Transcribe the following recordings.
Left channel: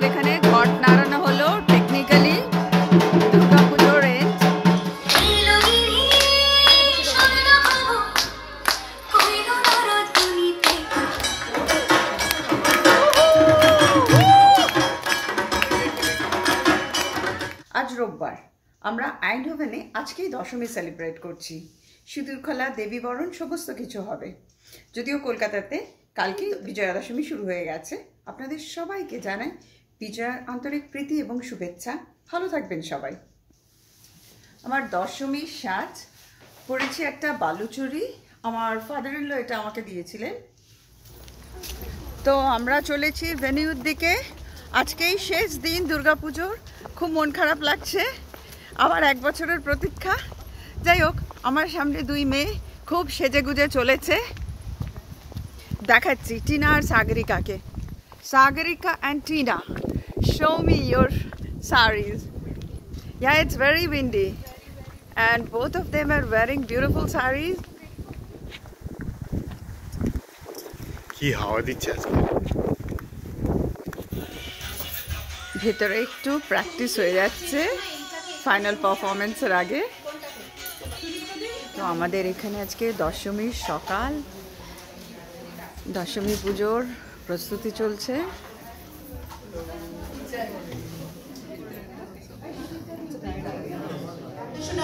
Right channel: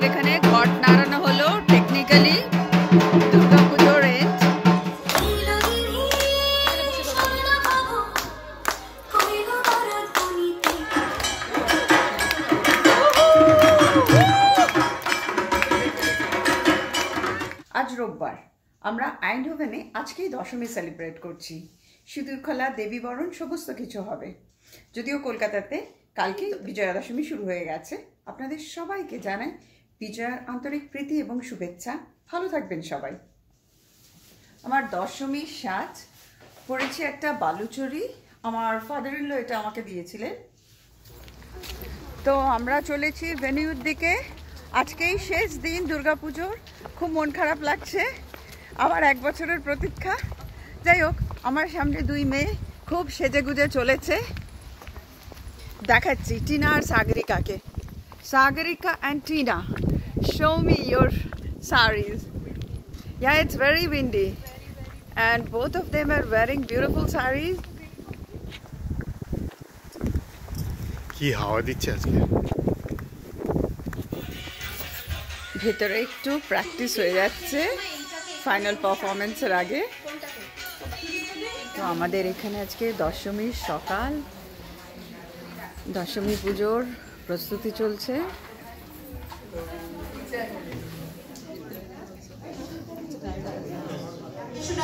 আমাদের এখানে ঘট নাড়ানো হলো টেকনিক্যালি দুর্গাপুজোর এন্ড। আজ রোববার, আমরা আইনহোভেনে আজকেই দশমী সেলিব্রেট করছি। সিঁদুর খেলা, দেবী বরণ সমস্ত কিছু হবে। যদিও কলকাতাতে কালকে বিজয়া দশমী শুরু হয়ে গেছে। আপনাদের সবাইকে জানাই বিজয়ার আন্তরিক প্রীতি এবং শুভেচ্ছা। ভালো থাকবেন সবাই। আমার দশমীর সাজ পরেছি একটা বালুচুরি। আমার ফাদার ইন ল এটা আমাকে দিয়েছিলেন। তো আমরা চলেছি ভেনিউর দিকে। আজকেই শেষ দিন দুর্গাপুজোর। খুব মন খারাপ লাগছে, আবার এক বছরের প্রতীক্ষা। যাই হোক, আমার সামনে দুই মেয়ে খুব সেজে গুজে চলেছে। দেখাচ্ছি টিনা আর সাগরিকাকে। Sagarika and Tina, show me your sarees. Yeah, it's very windy and both of them are wearing beautiful sarees. কি হাওয়া দিচ্ছে আজকে। ভেতরে একটু প্র্যাকটিস হয়ে যাচ্ছে ফাইনাল পারফরমেন্সের আগে। তো আমাদের এখানে আজকে দশমীর সকাল, দশমী পুজোর প্রস্তুতি চলছে।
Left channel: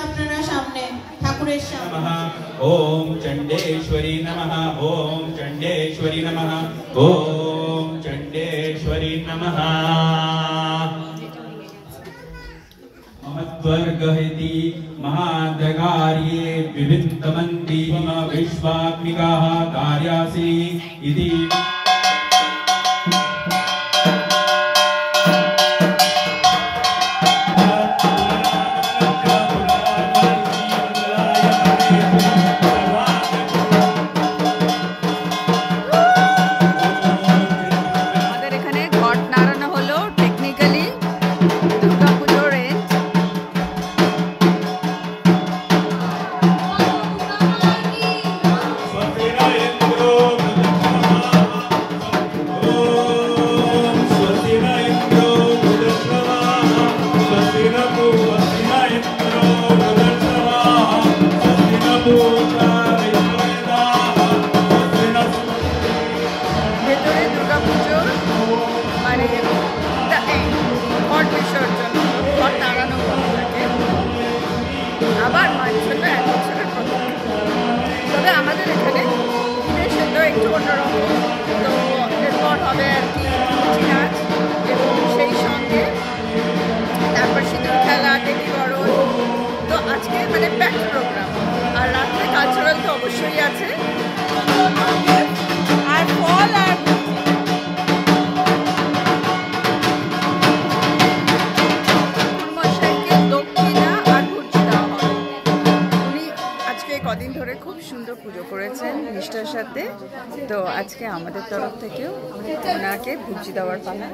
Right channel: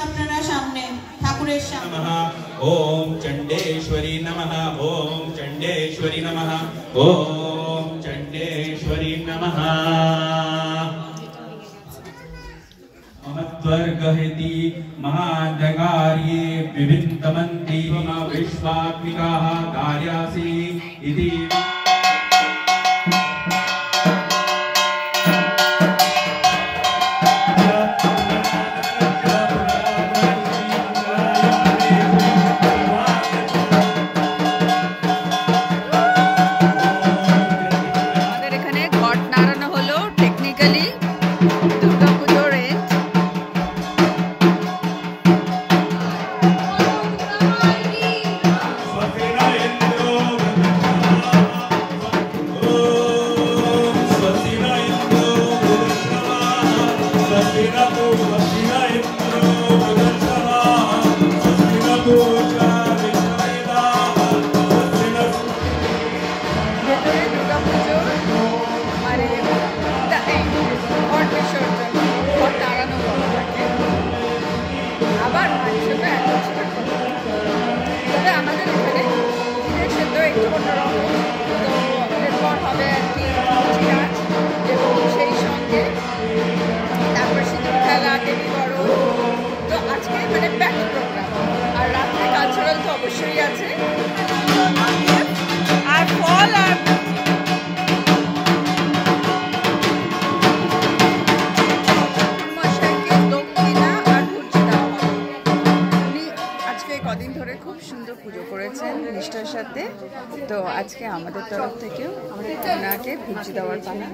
আপনারা সামনে ঠাকুরের সামনে ওম চণ্ডেশ্বরী নমঃ, ওম চণ্ডেশ্বরী নমঃ, ওম চণ্ডেশ্বরী নমঃ। মমত্বর্গহিতি মহাজগার্যে বিভিন্নমন্তি মম বিশ্বাত্মিকাঃ দার্যাসি ইতি। ভেতরে দুর্গাপুজোর মানে ঘট বিসর্জন, ঘট নাড়ানো বলা থাকে। আবার মাঝে ছোট এক বছরের প্রতীক্ষা। তবে আমাদের এখানে বিদেশে তো একটু অন্যরকম। তো এরপর হবে আর কি নাচ, এবং সেই সঙ্গে তারপর সিঁদুর খেলা, দেবী বরণ। তো আজকে মানে প্যাকড প্রোগ্রাম। আর রাত্রে কালচারাল তো অবশ্যই আছে, আর ফল আর কদিন ধরে খুব সুন্দর পুজো করেছেন নিষ্ঠার সাথে। তো আজকে আমাদের তরফ থেকেও ওনাকে ভুজি দেওয়ার পালা।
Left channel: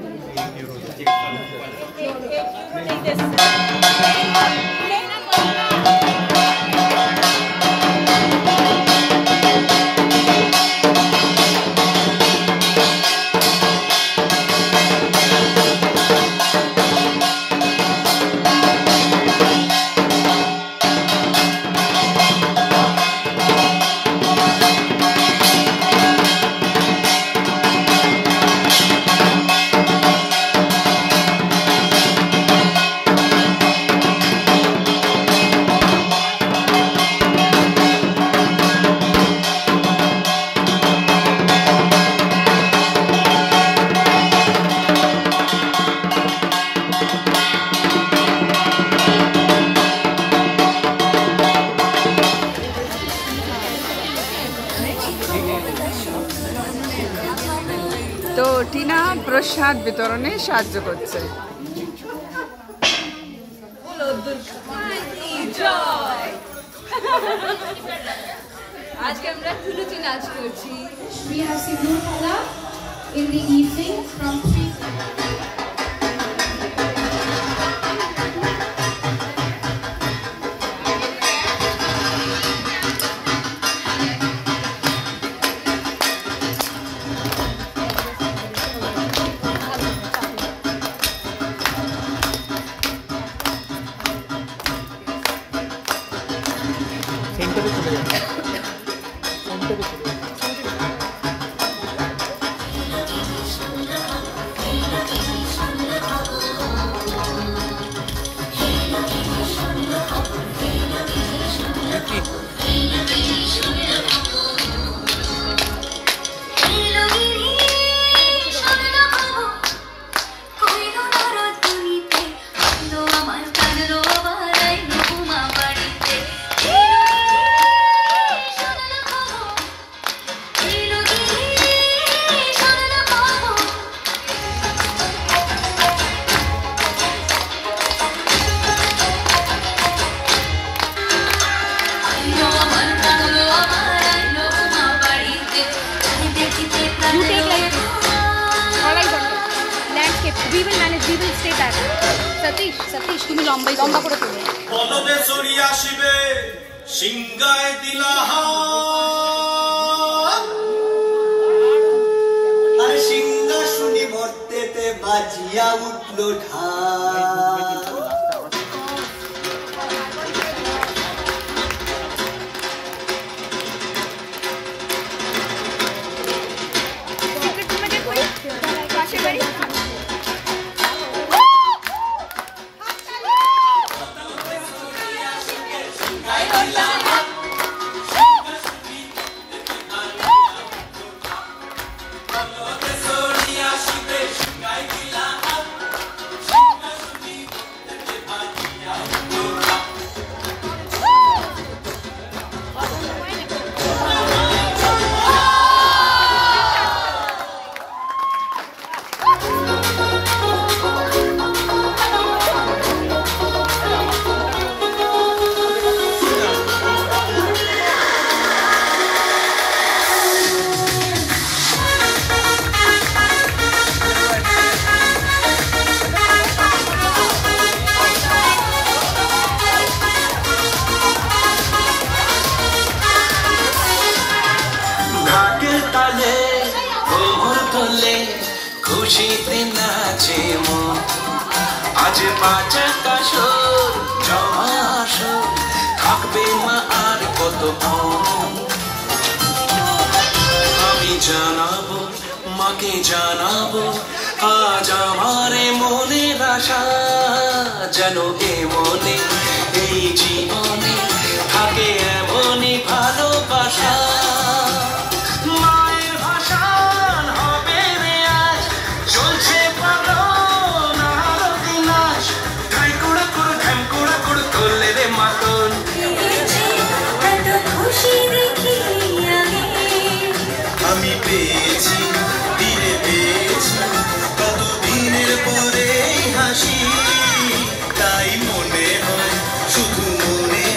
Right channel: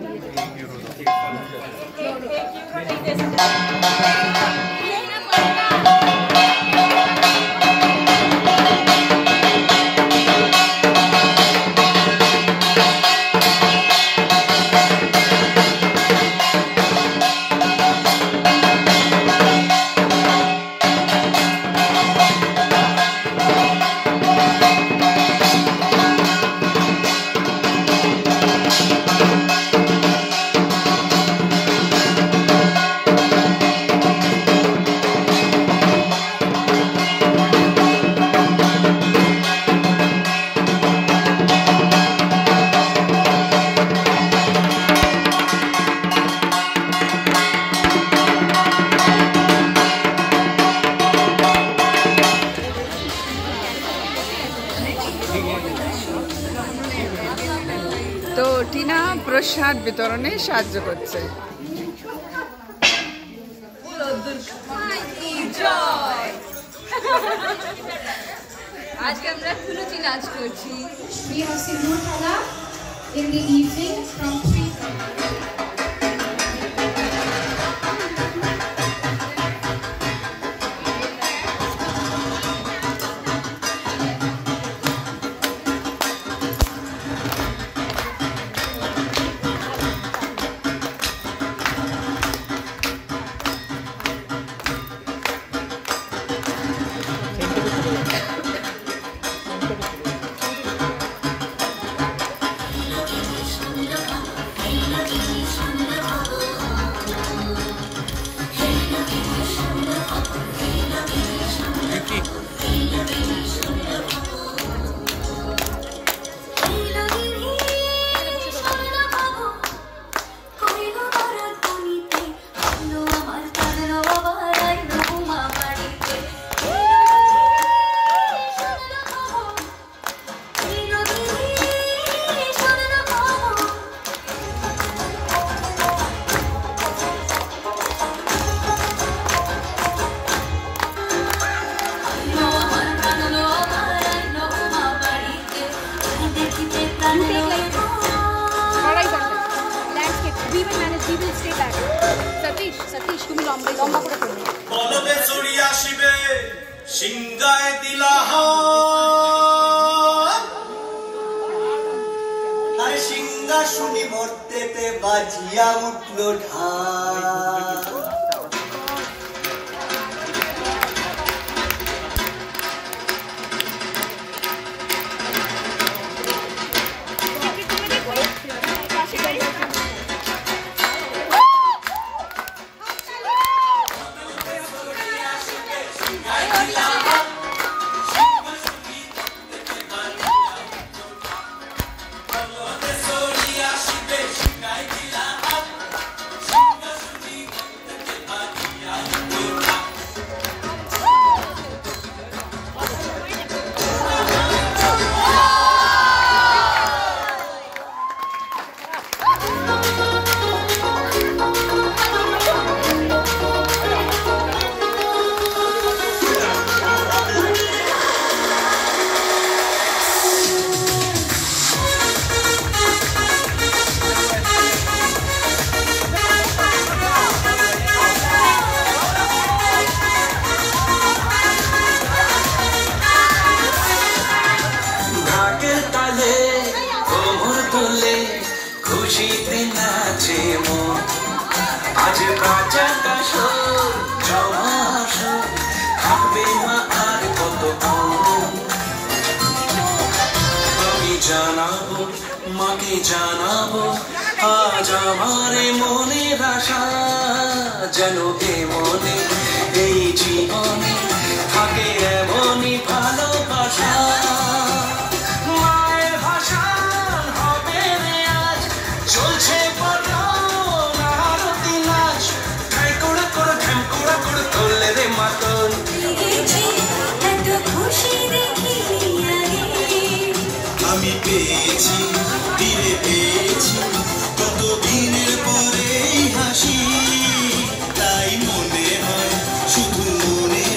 তো টিনা প্রসাদ বিতরণে সাহায্য করছে। আজকে আমরা ফুলুচি নাচ করছি। We have Sindoor Kala in the evening from 3. Satish তুমি লম্বা করে তোলো বলদে চড়ি আসিবে সিংহায় দিলা আর সিংহাসনে মর্তেতে বাজিয়া উঠল ঢাক খুশিতে নাচে মন আজ বাঁচাটা সুর জমা সুর থাকবে না আর কত আমি জানাবো মাকে জানাবো আজ আমার মনের আশা যেন এমনে এই জীবনে থাকে এমনই ভালোবাসা মায়ের ভাষান হবে রে আজ চলছে পালন আরতি নাচ ধাই কুড়া কুড়ো ঢ্যাম কুড়া কুড়ো তোলে রে মাতন আমি পেয়েছি ফিরে পেয়েছি কতদিনের পরে হাসি তাই মনে হয় শুধু মনে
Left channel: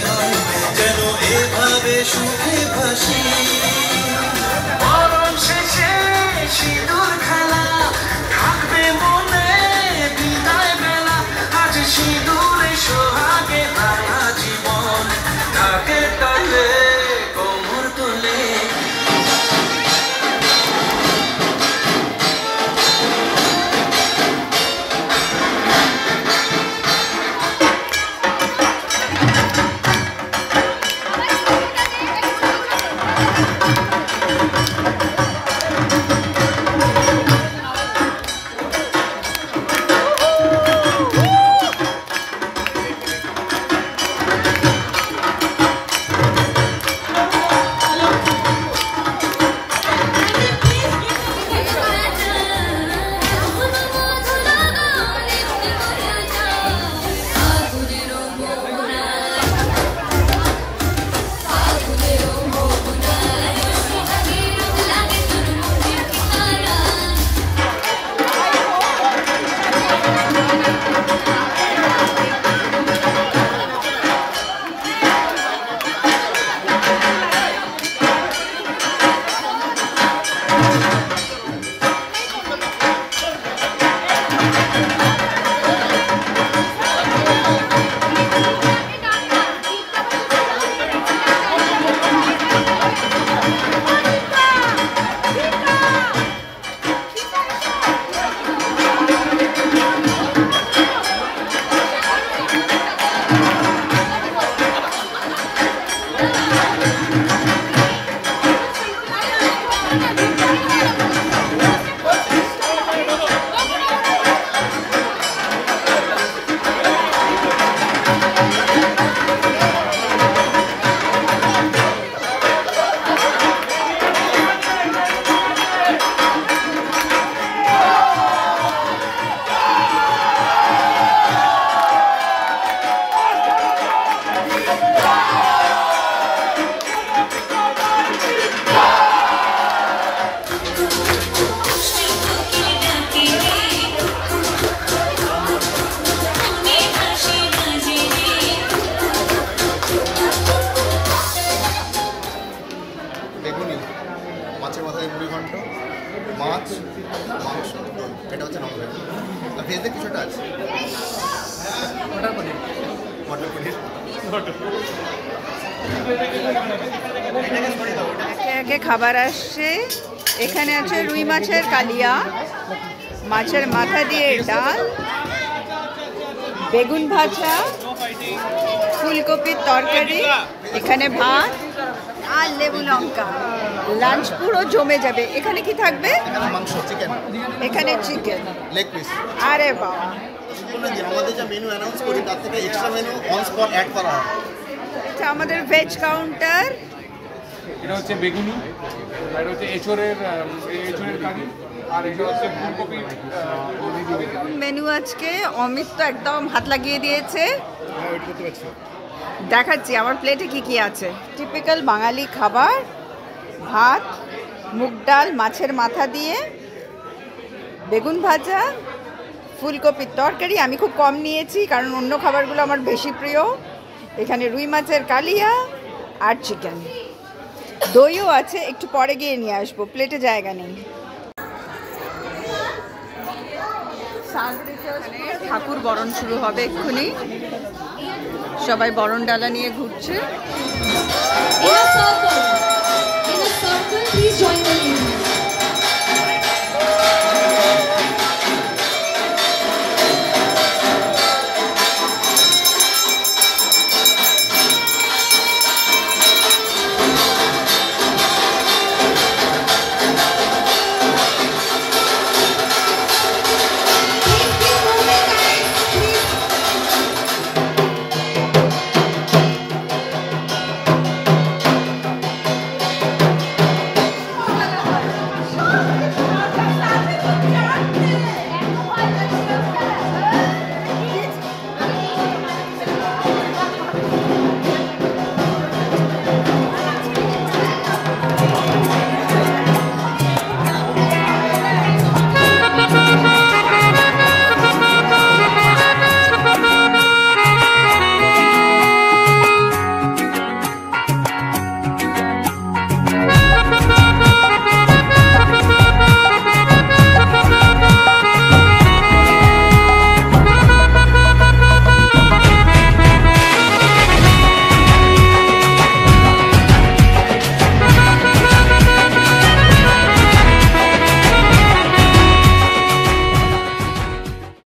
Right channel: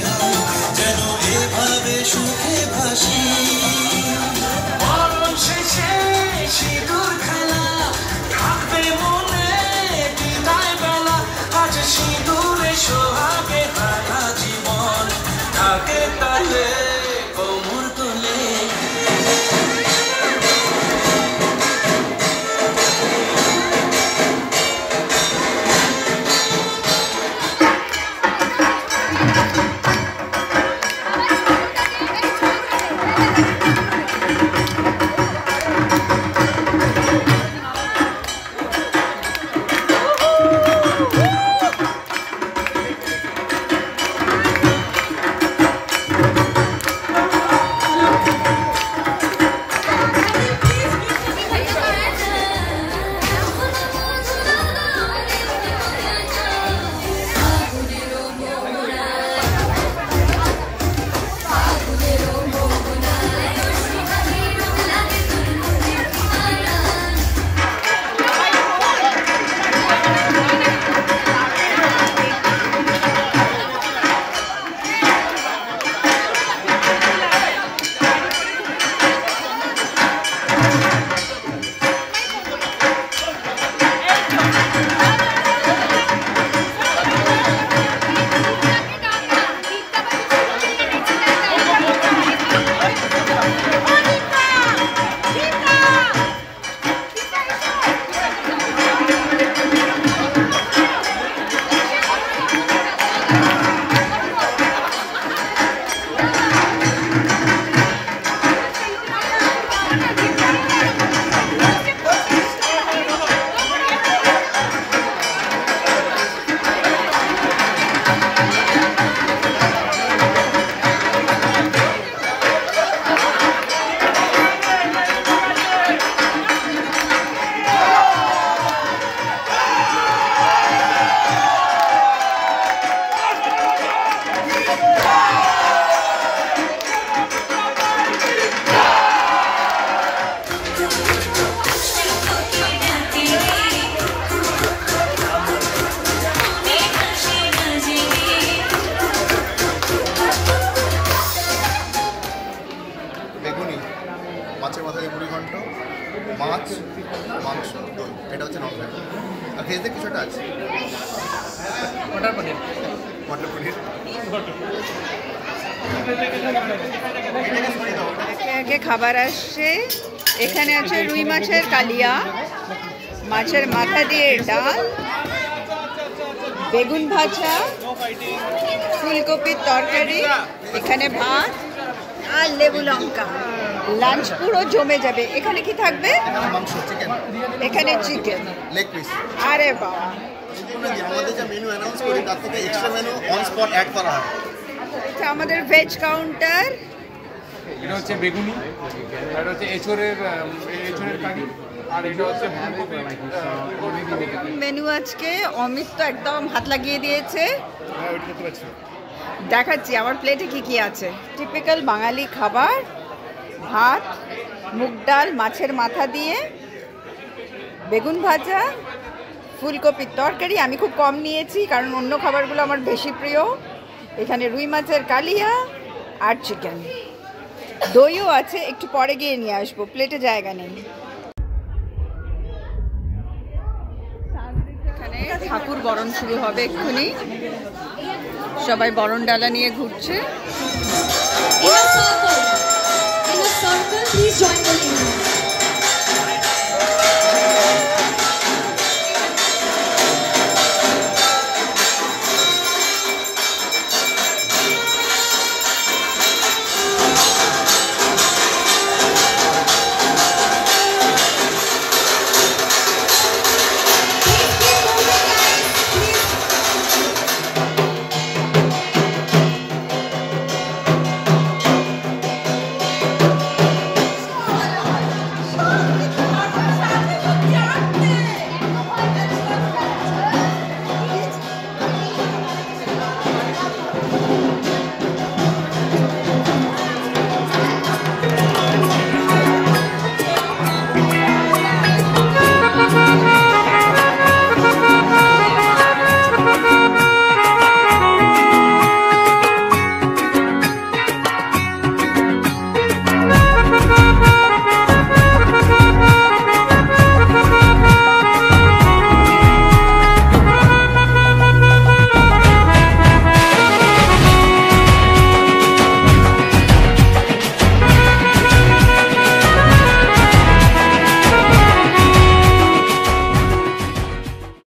ভেজে কিছুটা আছে। মটর পনির। মটর পনির। একে একে খাবার আসছে। এখানে আছে রুই মাছের কালিয়া, মাছের মাথা দিয়ে ডাল, বেগুন ভাজা, ফুলকপির তরকারি, এখানে ভাত আর লেবু লঙ্কা। লাঞ্চ পুরো জমে যাবে। এখানে কি থাকবে? এখানে মাংস, চিকেন। এখানে চিকেন, লেগ পিস। আরে বাবা, আমাদের যা মেনু অ্যানাউন্স করি তার থেকে extra menu on spot add করা হয়। এটা আমাদের ভেজ কাউন্টার। এটা হচ্ছে বেগুনি, আর এটা হচ্ছে এঁচড়ের কারি, আর এটা হচ্ছে ফুলকপি। মেনু আজকে অমিত তো একদম হাত লাগিয়ে দিয়েছে। দেখাচ্ছি আমার প্লেটে কি কি আছে। টিপিক্যাল বাঙালি খাবার, ভাত, মুগ ডাল মাছের মাথা দিয়ে, বেগুন ভাজা, ফুলকপির তরকারি। আমি খুব কম নিয়েছি কারণ অন্য খাবারগুলো আমার বেশি প্রিয়। এখানে রুই মাছের কালিয়া আর চিকেন, দইও আছে, একটু পরে গিয়ে নিয়ে আসবো, প্লেটে জায়গা নেই। ঠাকুর বরণ শুরু হবে এক্ষুনি, সবাই বরণ ডালা নিয়ে ঘুরছে। In a circle, please join the ladies.